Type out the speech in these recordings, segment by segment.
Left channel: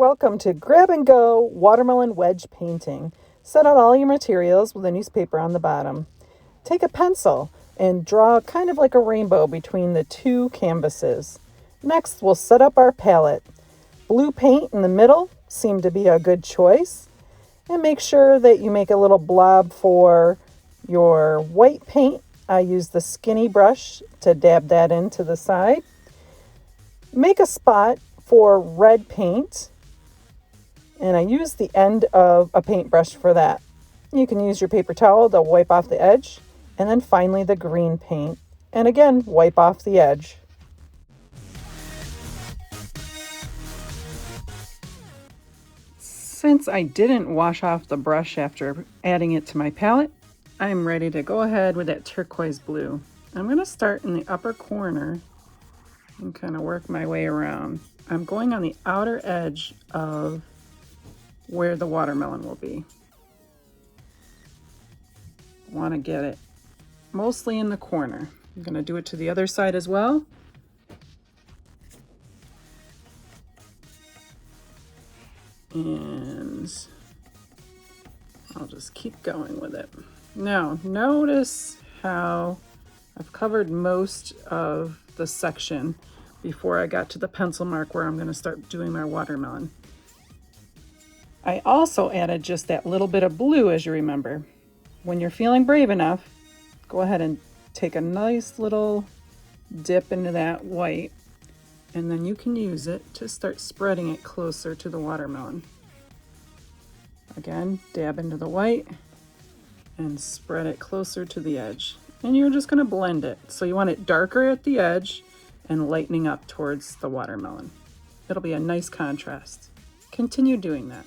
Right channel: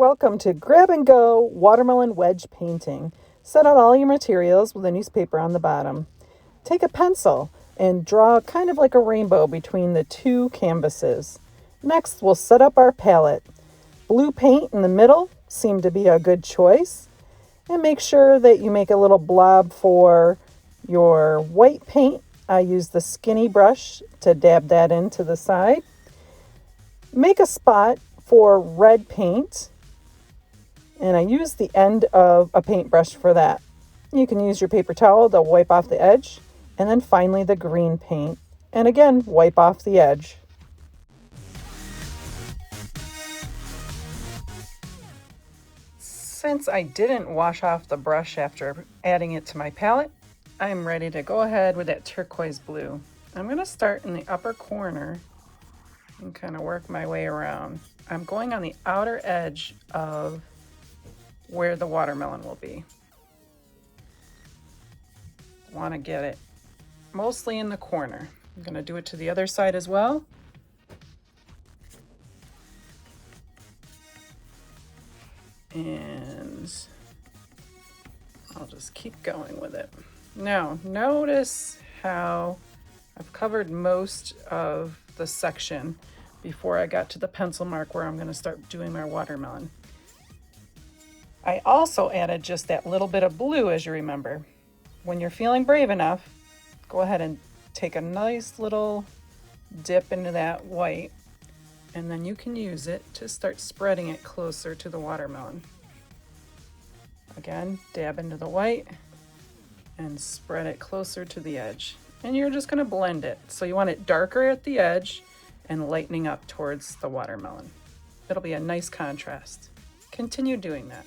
Welcome to Grab and Go Watermelon Wedge Painting. Set out all your materials with a newspaper on the bottom. Take a pencil and draw kind of like a rainbow between the two canvases. Next, we'll set up our palette. Blue paint in the middle seemed to be a good choice. And make sure that you make a little blob for your white paint. I use the skinny brush to dab that into the side. Make a spot for red paint. And I use the end of a paintbrush for that. You can use your paper towel to wipe off the edge. And then finally the green paint. And again, wipe off the edge. Since I didn't wash off the brush after adding it to my palette, I'm ready to go ahead with that turquoise blue. I'm going to start in the upper corner and kind of work my way around. I'm going on the outer edge of where the watermelon will be. Want to get it mostly in the corner. I'm going to do it to the other side as well. And I'll just keep going with it. Now, notice how I've covered most of the section before I got to the pencil mark where I'm going to start doing my watermelon. I also added just that little bit of blue, as you remember. When you're feeling brave enough, go ahead and take a nice little dip into that white, and then you can use it to start spreading it closer to the watermelon. Again, dab into the white and spread it closer to the edge. And you're just going to blend it. So you want it darker at the edge and lightening up towards the watermelon. It'll be a nice contrast. Continue doing that.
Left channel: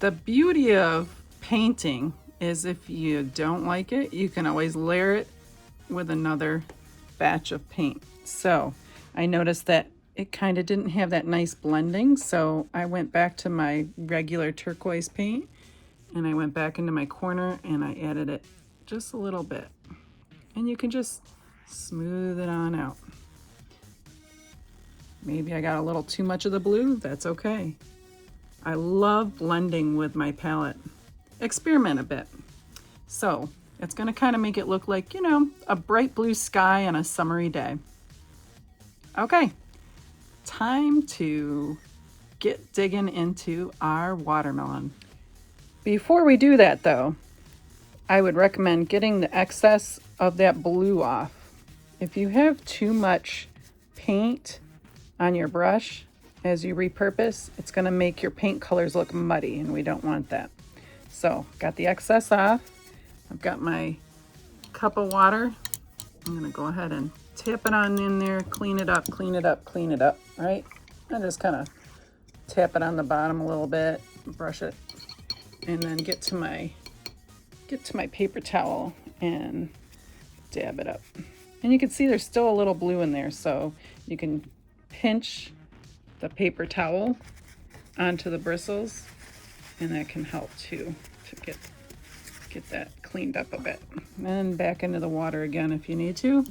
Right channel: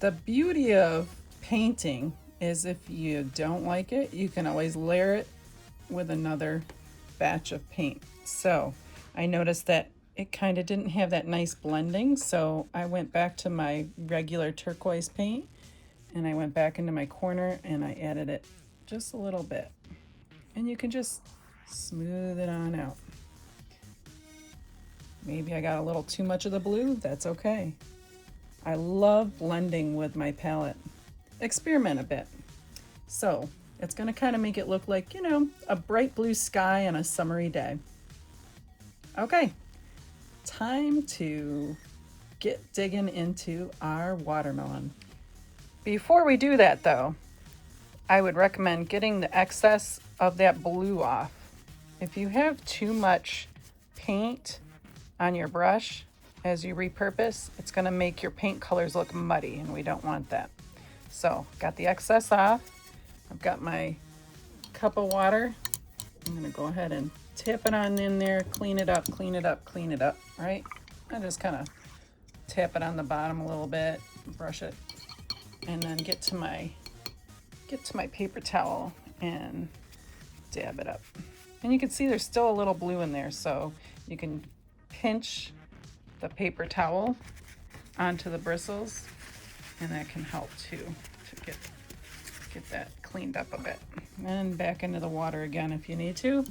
The beauty of painting is if you don't like it, you can always layer it with another batch of paint. So I noticed that it kind of didn't have that nice blending, so I went back to my regular turquoise paint and I went back into my corner and I added it just a little bit. And you can just smooth it on out. Maybe I got a little too much of the blue, that's okay. I love blending with my palette. Experiment a bit. So it's going to kind of make it look like, you know, a bright blue sky on a summery day. Okay, time to get digging into our watermelon. Before we do that though, I would recommend getting the excess of that blue off. If you have too much paint on your brush as you repurpose, it's going to make your paint colors look muddy, and we don't want that. So got the excess off. I've got my cup of water. I'm going to go ahead and tap it on in there, clean it up, clean it up, clean it up, right? And just kind of tap it on the bottom a little bit, brush it, and then get to my paper towel and dab it up. And you can see there's still a little blue in there, so you can pinch the paper towel onto the bristles, and that can help too to get that cleaned up a bit. And back into the water again if you need to.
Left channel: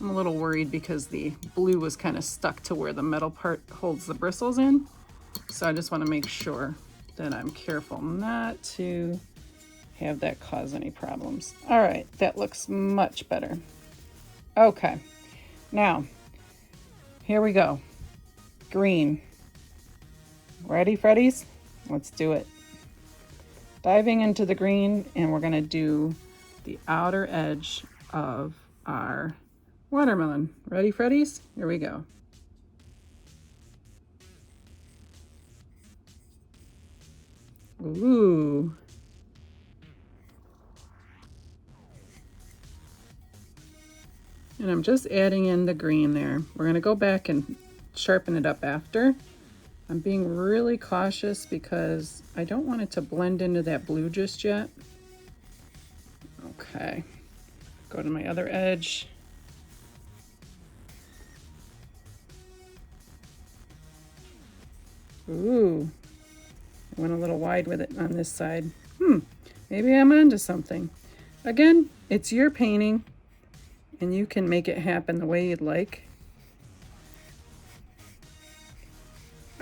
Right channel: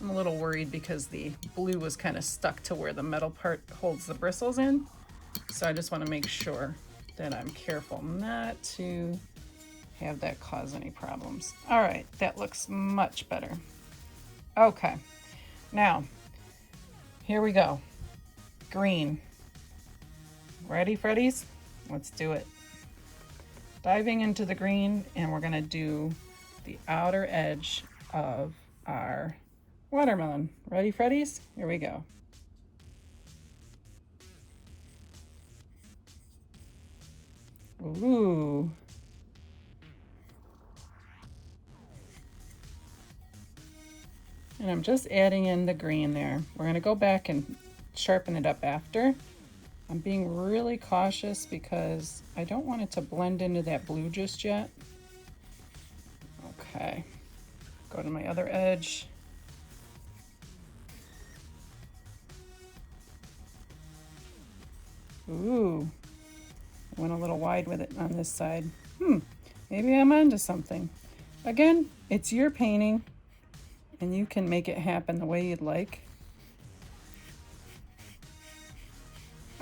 I'm a little worried because the blue was kind of stuck to where the metal part holds the bristles in, so I just want to make sure that I'm careful not to have that cause any problems. All right, that looks much better. Okay, now here we go. Green. Ready, Freddies? Let's do it. Diving into the green, and we're going to do the outer edge of our watermelon. Ready, Freddies? Here we go. Ooh. And I'm just adding in the green there. We're going to go back and sharpen it up after. I'm being really cautious because I don't want it to blend into that blue just yet. Okay, go to my other edge. Ooh, I went a little wide with it on this side. Maybe I'm onto something. Again, it's your painting and you can make it happen the way you'd like.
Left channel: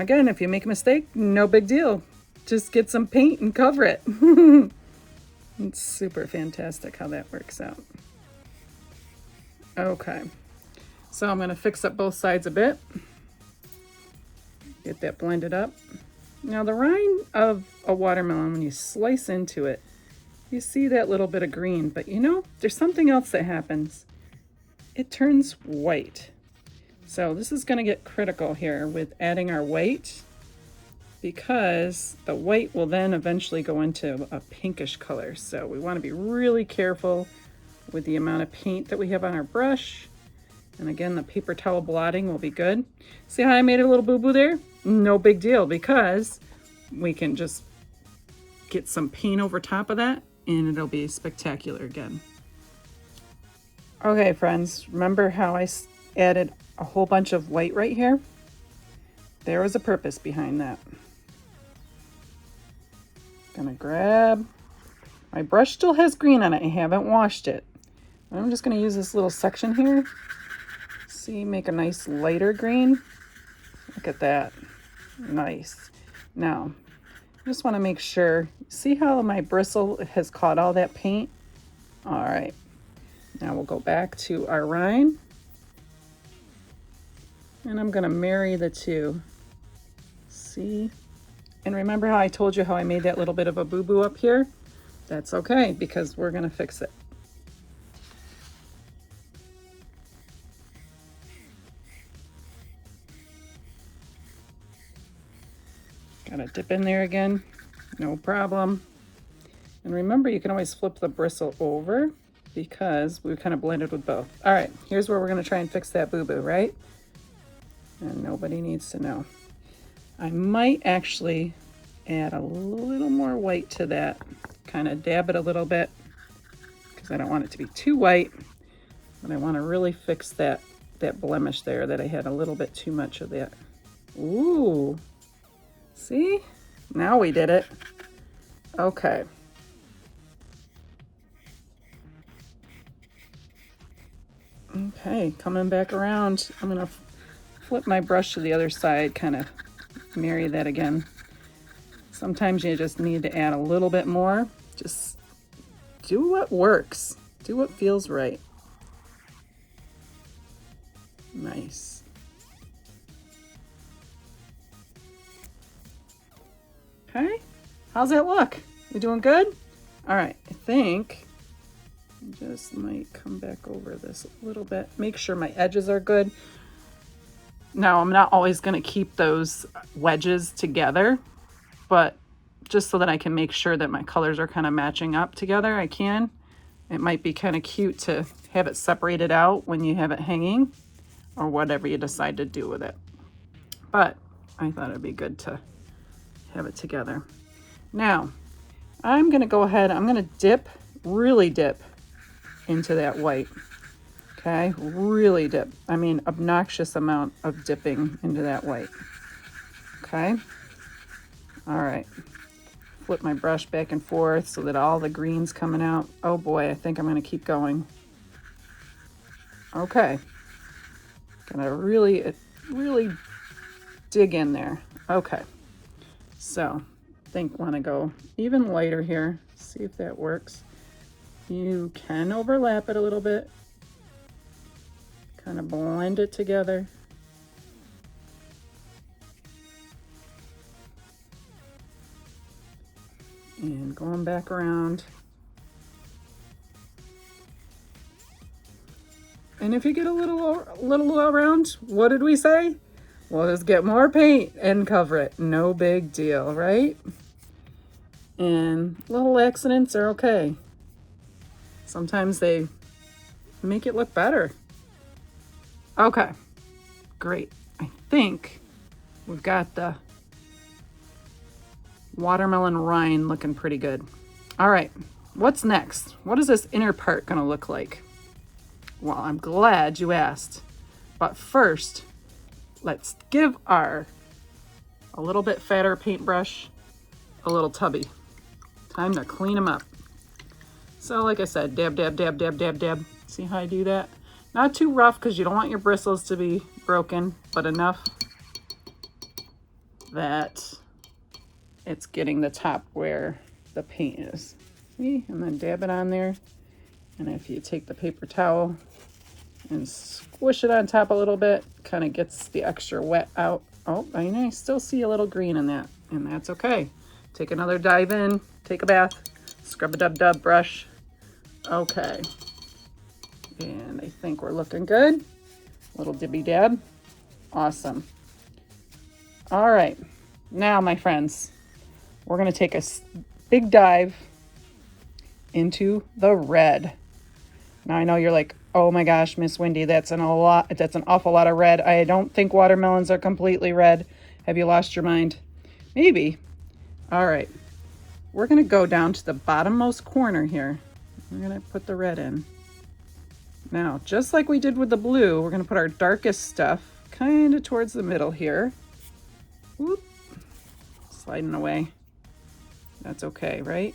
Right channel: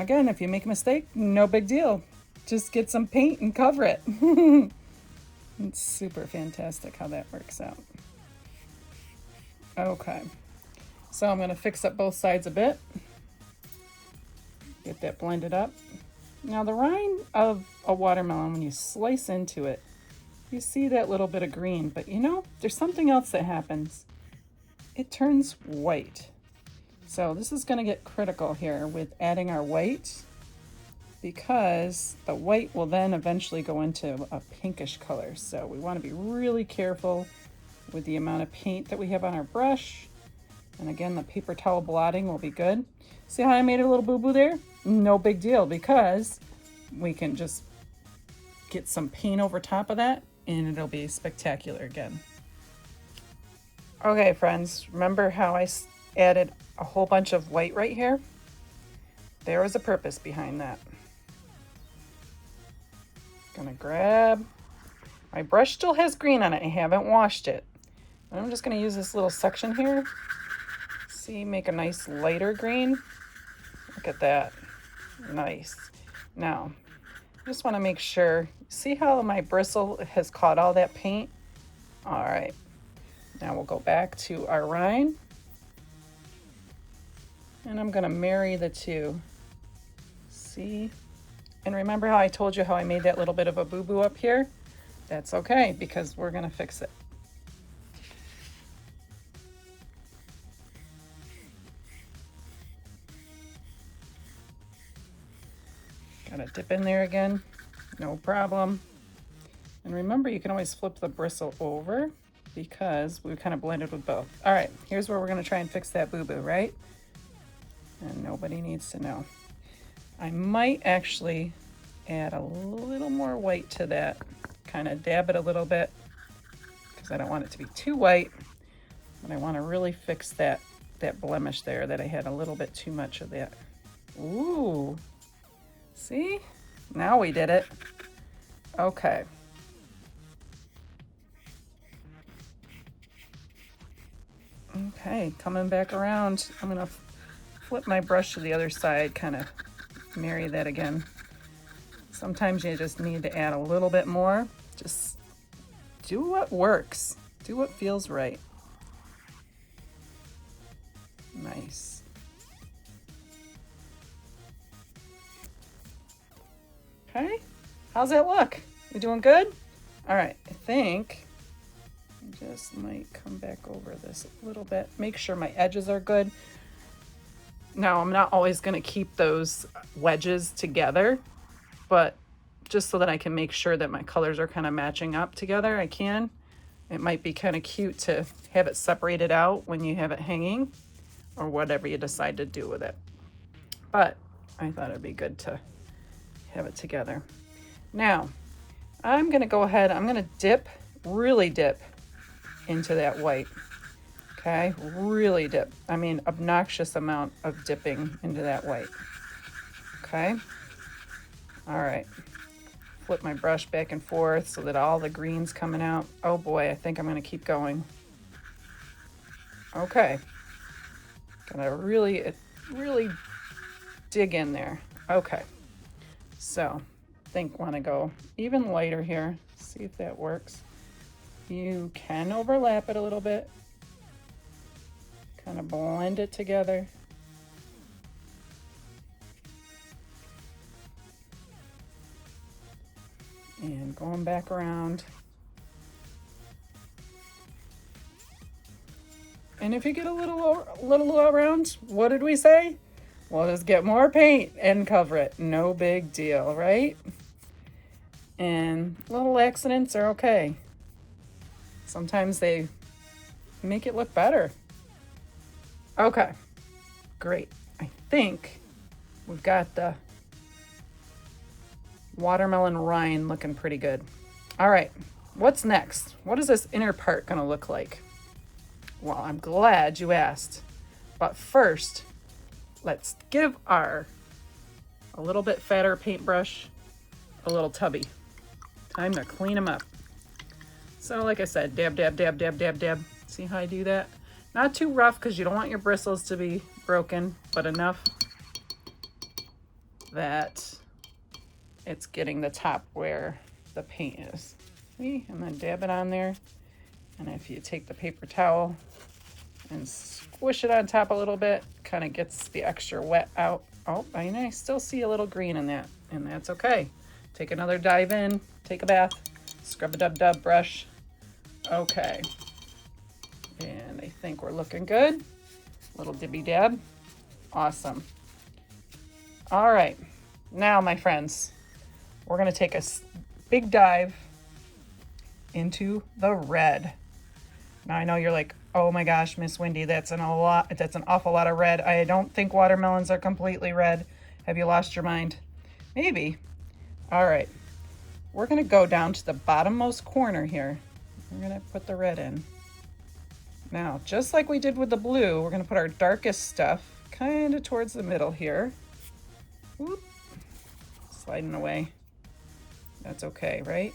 again, if you make a mistake, no big deal. Just get some paint and cover it. It's super fantastic how that works out. Okay, so I'm gonna fix up both sides a bit. Get that blended up. Now the rind of a watermelon, when you slice into it, you see that little bit of green, but you know, there's something else that happens. It turns white. So this is gonna get critical here with adding our white, because the white will then eventually go into a pinkish color. So we wanna be really careful with the amount of paint that we have on our brush. And again, the paper towel blotting will be good. See how I made a little boo-boo there? No big deal, because we can just get some paint over top of that and it'll be spectacular again. Okay, friends, remember how I added a whole bunch of white right here? There was a purpose behind that. Gonna grab, my brush still has green on it, I haven't washed it. I'm just gonna use this little section here. See, make a nice lighter green. Look at that, nice. Now, I just wanna make sure, see how my bristle has caught all that paint? All right, now we'll go back to our rind. And I'm gonna marry the two. See? And remember how I told you how I made that little bit of a boo-boo up here? That's okay, because we're gonna fix it. Gotta dip in there again, no problem. And remember, you can always flip the bristle over because we kind of blended with both. All right, here's where we're gonna try and fix that boo-boo, right? And nobody needs to know. I might actually add a little more white to that, kind of dab it a little bit, because I don't want it to be too white, but I want to really fix that blemish there that I had a little bit too much of that. Ooh, see? Now we did it. Okay. Okay, coming back around, I'm gonna flip my brush to the other side, kind of marry that again. Sometimes you just need to add a little bit more. Just do what works. Do what feels right. Nice. Okay, how's that look? You doing good? All right, I think I just might come back over this a little bit. Make sure my edges are good. Now, I'm not always gonna keep those wedges together, but just so that I can make sure that my colors are kind of matching up together, I can. It might be kind of cute to have it separated out when you have it hanging, or whatever you decide to do with it. But I thought it'd be good to have it together. Now, I'm gonna go ahead, I'm gonna dip, really dip into that white. Okay, really dip. I mean, obnoxious amount of dipping into that white. Okay, all right. Flip my brush back and forth so that all the green's coming out. Oh boy, I think I'm gonna keep going. Okay, gonna really dig in there. Okay, so I think wanna go even lighter here. See if that works. You can overlap it a little bit. Kind of blend it together. And going back around. And if you get a little around, what did we say? We'll just get more paint and cover it. No big deal, right? And little accidents are okay. Sometimes they make it look better. Okay, great. I think we've got the watermelon rind looking pretty good. All right, what's next? What is this inner part gonna look like? Well, I'm glad you asked. But first, let's give a little bit fatter paintbrush a little tubby. Time to clean them up. So like I said, dab, dab, dab, dab, dab, dab. See how I do that? Not too rough because you don't want your bristles to be broken, but enough that it's getting the top where the paint is. See, and then dab it on there. And if you take the paper towel and squish it on top a little bit, kind of gets the extra wet out. Oh, I still see a little green in that, and that's okay. Take another dive in, take a bath, scrub a dub brush. Okay, and I think we're looking good. Little dibby dab, awesome. All right, now my friends, we're gonna take a big dive into the red. Now I know you're like, oh my gosh, Miss Wendy, that's an awful lot of red. I don't think watermelons are completely red. Have you lost your mind? Maybe. All right, we're gonna go down to the bottommost corner here. I'm gonna put the red in. Now, just like we did with the blue, we're gonna put our darkest stuff kind of towards the middle here. Whoop. Sliding away. That's okay, right?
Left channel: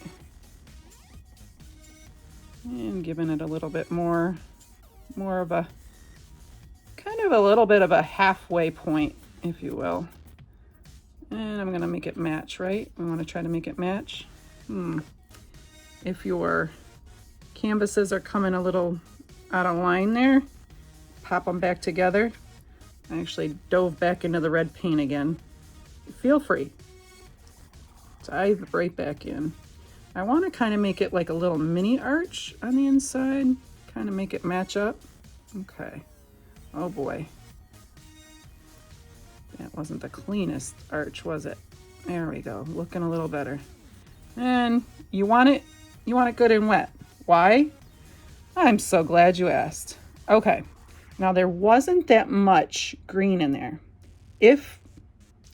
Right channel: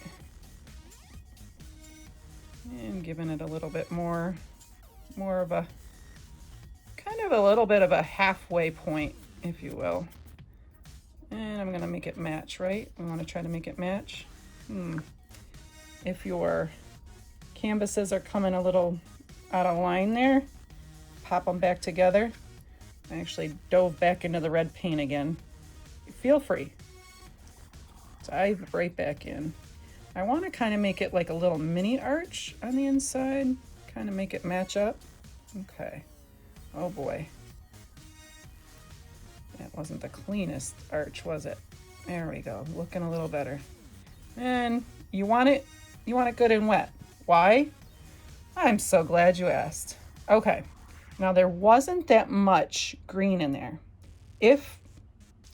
And giving it a little bit more of a, kind of a little bit of a halfway point, if you will. And I'm gonna make it match, right? We wanna try to make it match. If your canvases are coming a little out of line there, pop them back together. I actually dove back into the red paint again. Feel free. Dive right back in. I want to kind of make it like a little mini arch on the inside, kind of make it match up. Okay. Oh boy. That wasn't the cleanest arch, was it? There we go, looking a little better. And you want it good and wet. Why? I'm so glad you asked. Okay. Now there wasn't that much green in there. If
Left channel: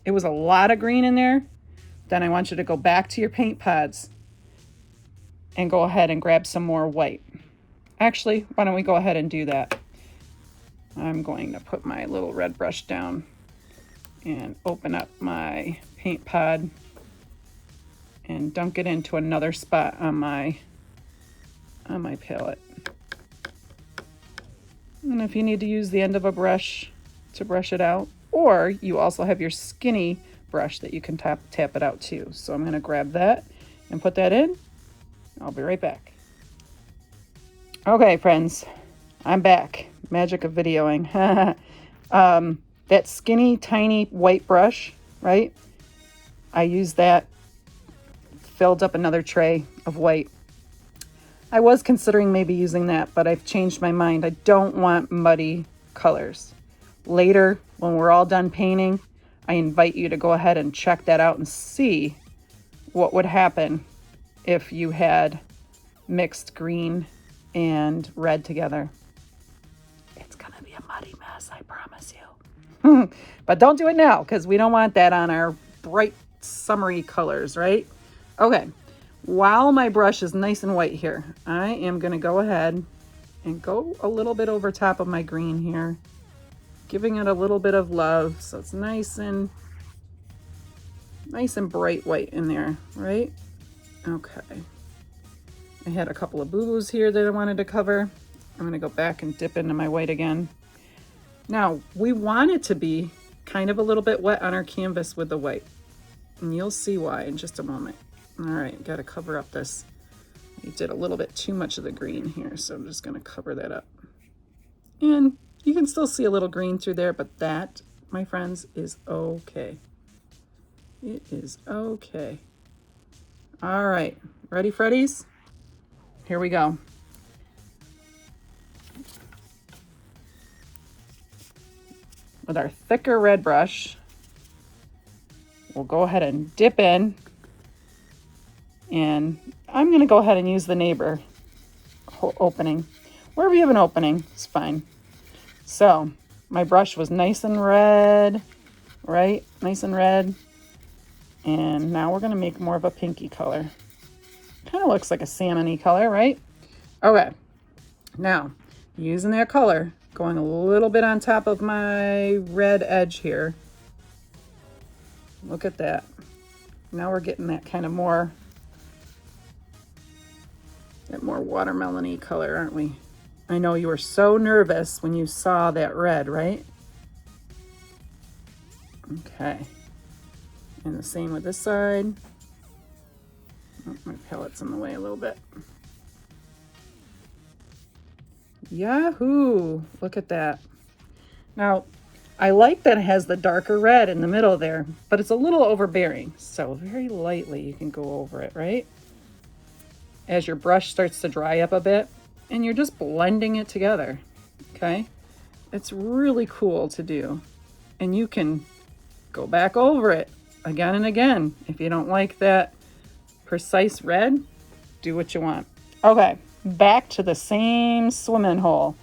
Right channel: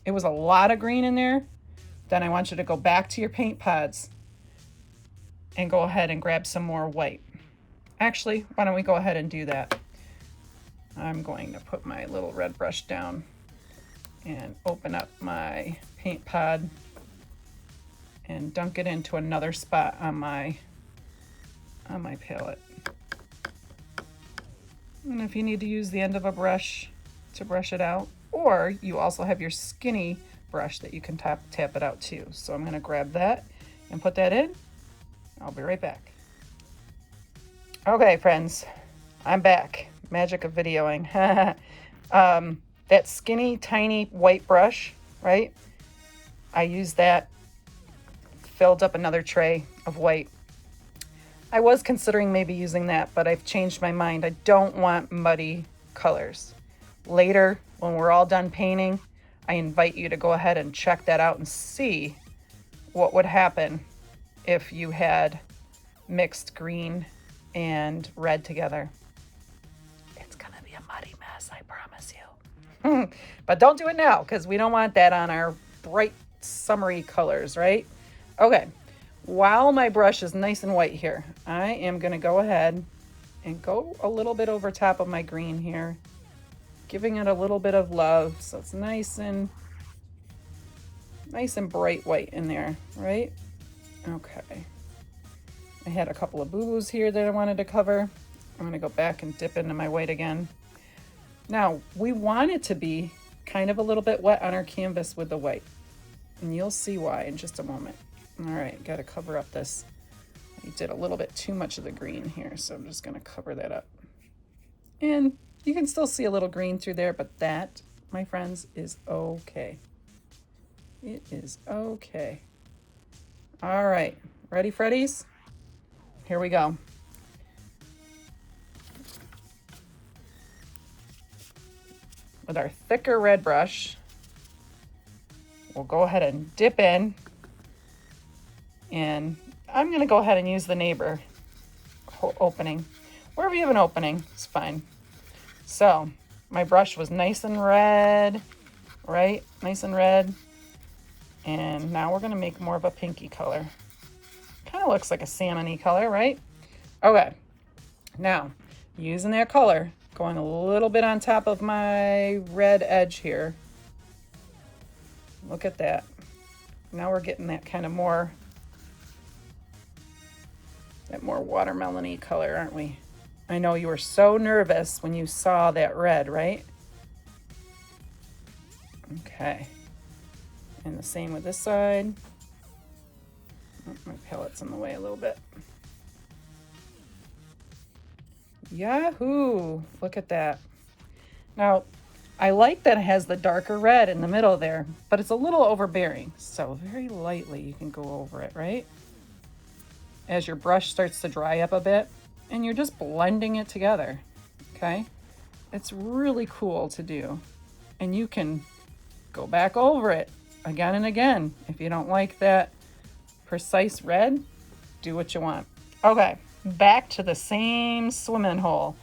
it was a lot of green in there, then I want you to go back to your paint pods and go ahead and grab some more white. Actually, why don't we go ahead and do that? I'm going to put my little red brush down and open up my paint pod and dunk it into another spot on my palette. And if you need to use the end of a brush to brush it out, or you also have your skinny brush that you can tap it out too. So I'm gonna grab that and put that in. I'll be right back. Okay, friends, I'm back. Magic of videoing. That skinny, tiny white brush, right? I used that, filled up another tray of white. I was considering maybe using that, but I've changed my mind. I don't want muddy colors. Later, when we're all done painting, I invite you to go ahead and check that out and see what would happen if you had mixed green and red together. It's gonna be a muddy mess, I promise you. But don't do it now, because we don't want that on our bright summery colors, right? Okay, while my brush is nice and white here, I am gonna go ahead and go a little bit over top of my green here, giving it a little bit of love so it's nice and bright white in there, right? Okay. I had a couple of boo-boos here that I wanted to cover. I'm gonna go back and dip into my white again. Now, we want it to be kind of a little bit wet on our canvas with the white, and you'll see why in just a moment. All right, gotta cover up this. I did a little bit too much of the green here, so I'm just gonna cover that up. And you can still see a little green through there, but that, my friends, is okay. It is okay. All right, ready, Freddies? Here we go. With our thicker red brush, we'll go ahead and dip in, and I'm gonna go ahead and use the neighbor opening. Wherever you have an opening, it's fine. So my brush was nice and red, right? Nice and red. And now we're gonna make more of a pinky color. Kind of looks like a salmon-y color, right? Okay, now using that color, going a little bit on top of my red edge here. Look at that. Now we're getting that kind of more watermelon-y color, aren't we? I know you were so nervous when you saw that red, right? Okay. And the same with this side. Oh, my pellet's in the way a little bit. Yahoo! Look at that. Now, I like that it has the darker red in the middle there, but it's a little overbearing. So very lightly you can go over it, right? As your brush starts to dry up a bit, and you're just blending it together, okay? It's really cool to do. And you can go back over it again and again. If you don't like that precise red, do what you want. Okay, back to the same swimming hole.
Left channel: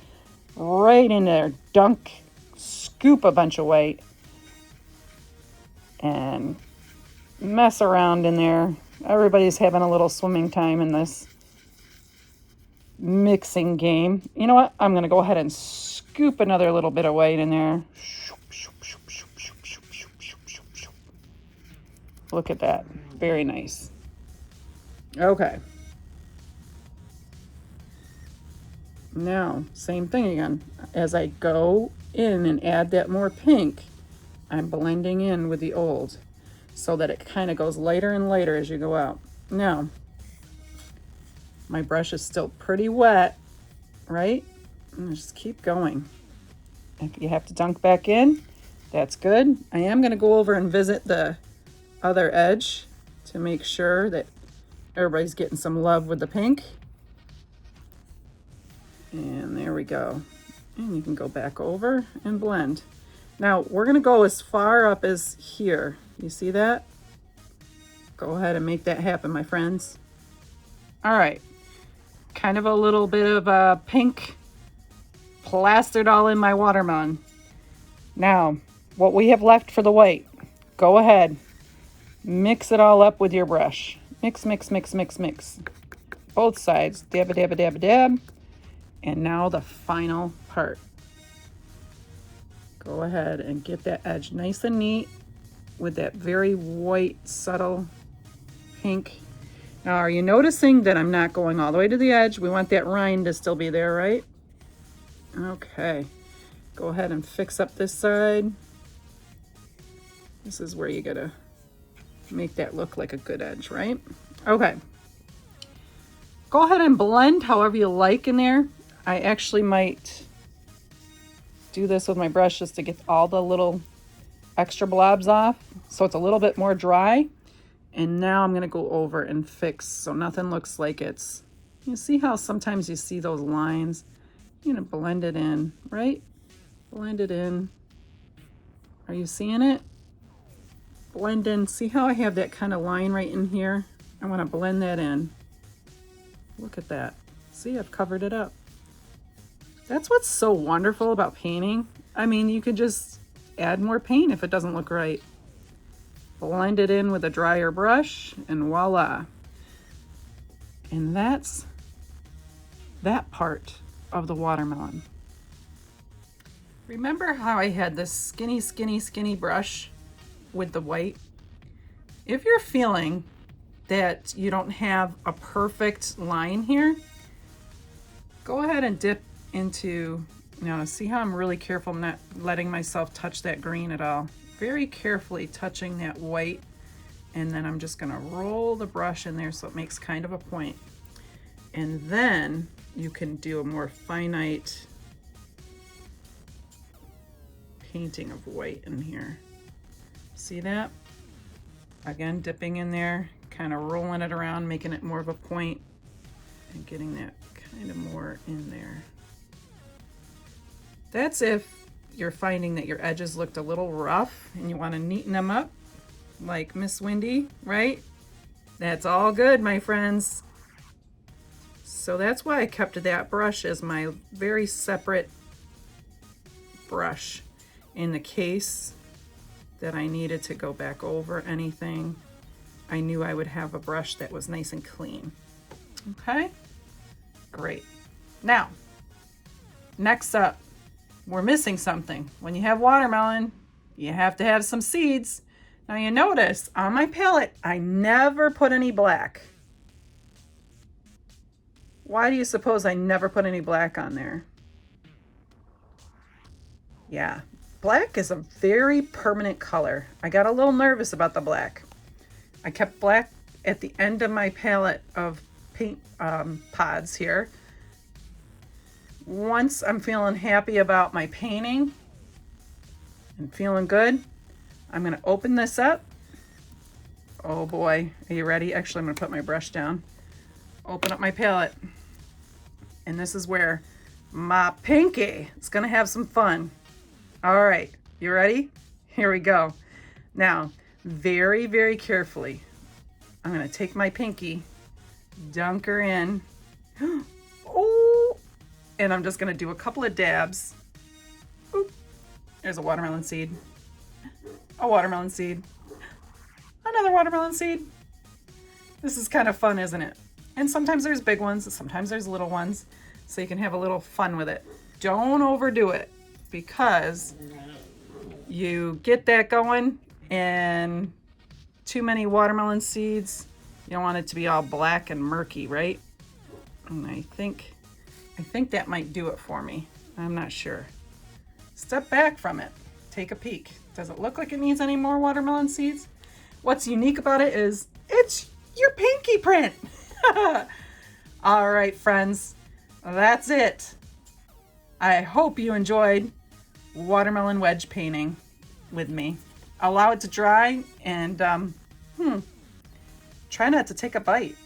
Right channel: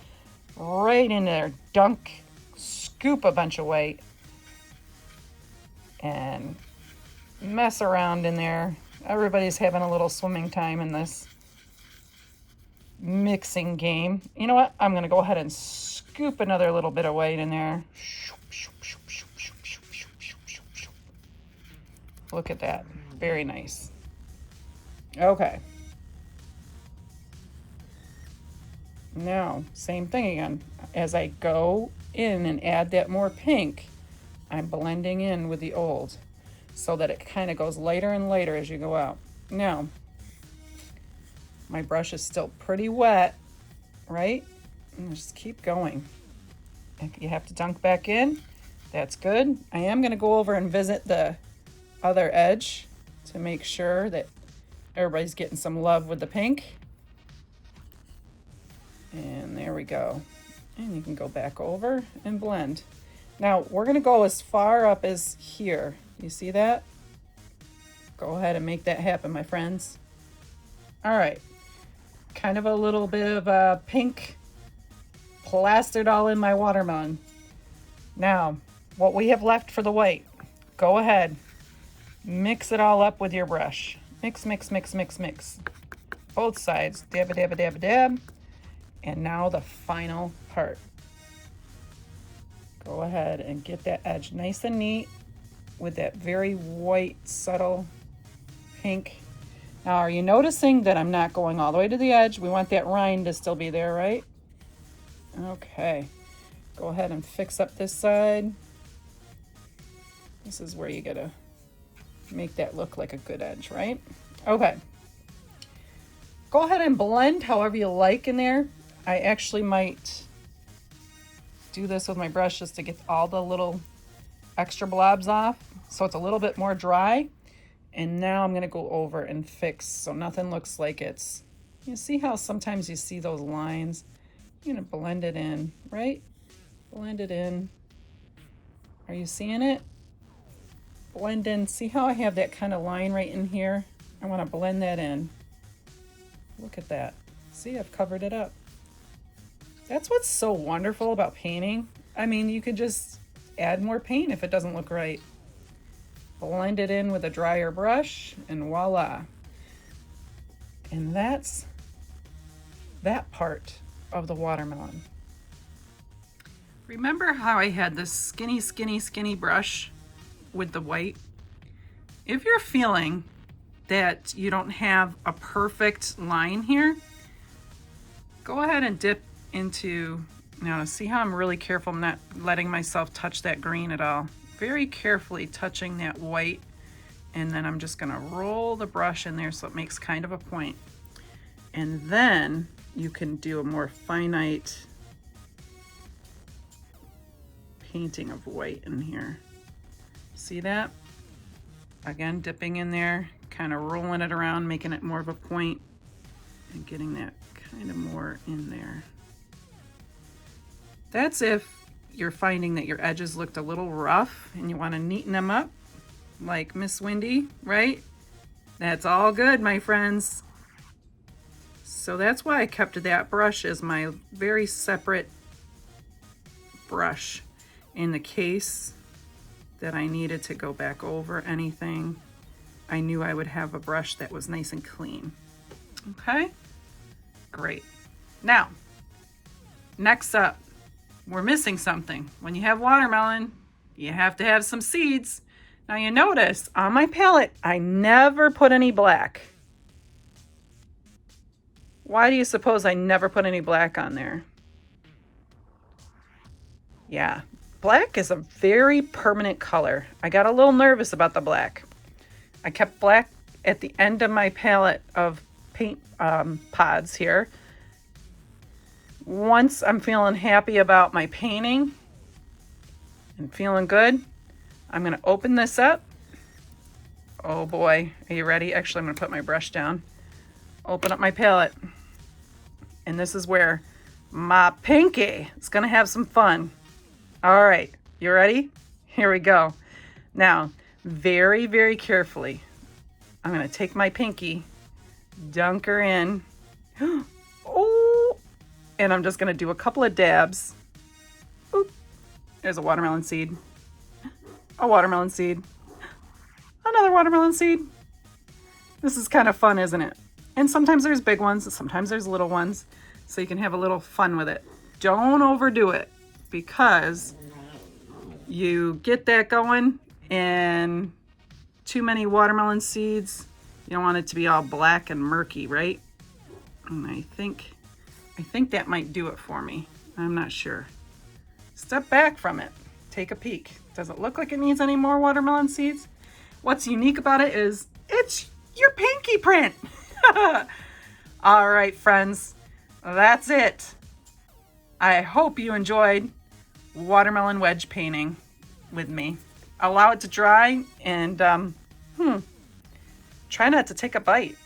Right in there, dunk, scoop a bunch of white, and mess around in there. Everybody's having a little swimming time in this mixing game. You know what? I'm gonna go ahead and scoop another little bit of white in there. Look at that. Very nice. Okay. Now, same thing again. As I go in and add that more pink, I'm blending in with the old so that it kind of goes lighter and lighter as you go out. Now, my brush is still pretty wet, right? And just keep going. If you have to dunk back in, that's good. I am going to go over and visit the other edge to make sure that everybody's getting some love with the pink. And there we go. And you can go back over and blend. Now we're gonna go as far up as here. You see that? Go ahead and make that happen, my friends. All right, kind of a little bit of pink plastered all in my watermelon. Now, what we have left for the white, go ahead, mix it all up with your brush. Mix, mix, mix, mix, mix. Both sides, dab, dab, dab, dab. And now the final part. Go ahead and get that edge nice and neat with that very white, subtle pink. Now, are you noticing that I'm not going all the way to the edge? We want that rind to still be there, right? Okay. Go ahead and fix up this side. This is where you gotta make that look like a good edge, right? Okay. Go ahead and blend however you like in there. I actually might do this with my brush just to get all the little extra blobs off, so it's a little bit more dry. And now I'm gonna go over and fix so nothing looks like it's, you see how sometimes you see those lines? You're gonna blend it in, right? Blend it in. Are you seeing it? Blend in. See how I have that kind of line right in here? I wanna blend that in. Look at that. See, I've covered it up. That's what's so wonderful about painting. I mean, you could just add more paint if it doesn't look right. Blend it in with a drier brush and voila. And that's that part of the watermelon. Remember how I had this skinny, skinny, skinny brush with the white? If you're feeling that you don't have a perfect line here, go ahead and dip into, now see how I'm really careful not letting myself touch that green at all. Very carefully touching that white, and then I'm just gonna roll the brush in there so it makes kind of a point. And then you can do a more finite painting of white in here. See that? Again, dipping in there, kind of rolling it around, making it more of a point, and getting that kind of more in there. That's if you're finding that your edges looked a little rough and you want to neaten them up, like Miss Wendy, right? That's all good, my friends. So that's why I kept that brush as my very separate brush in the case that I needed to go back over anything. I knew I would have a brush that was nice and clean. Okay, great. Now, next up, we're missing something. When you have watermelon, you have to have some seeds. Now you notice on my palette, I never put any black. Why do you suppose I never put any black on there? Yeah, black is a very permanent color. I got a little nervous about the black. I kept black at the end of my palette of paint pods here. Once I'm feeling happy about my painting and feeling good, I'm going to open this up. Oh boy, are you ready? Actually, I'm going to put my brush down. Open up my palette. And this is where my pinky is going to have some fun. All right, you ready? Here we go. Now, very, very carefully, I'm going to take my pinky, dunk her in. Oh, and I'm just going to do a couple of dabs. Oop, there's a watermelon seed. A watermelon seed. Another watermelon seed. This is kind of fun, isn't it? And sometimes there's big ones, and sometimes there's little ones, so you can have a little fun with it. Don't overdo it, because you get that going and too many watermelon seeds, you don't want it to be all black and murky, right? And I think that might do it for me. I'm not sure. Step back from it. Take a peek. Does it look like it needs any more watermelon seeds? What's unique about it is it's your pinky print. All right, friends, that's it. I hope you enjoyed watermelon wedge painting with me. Allow it to dry and try not to take a bite.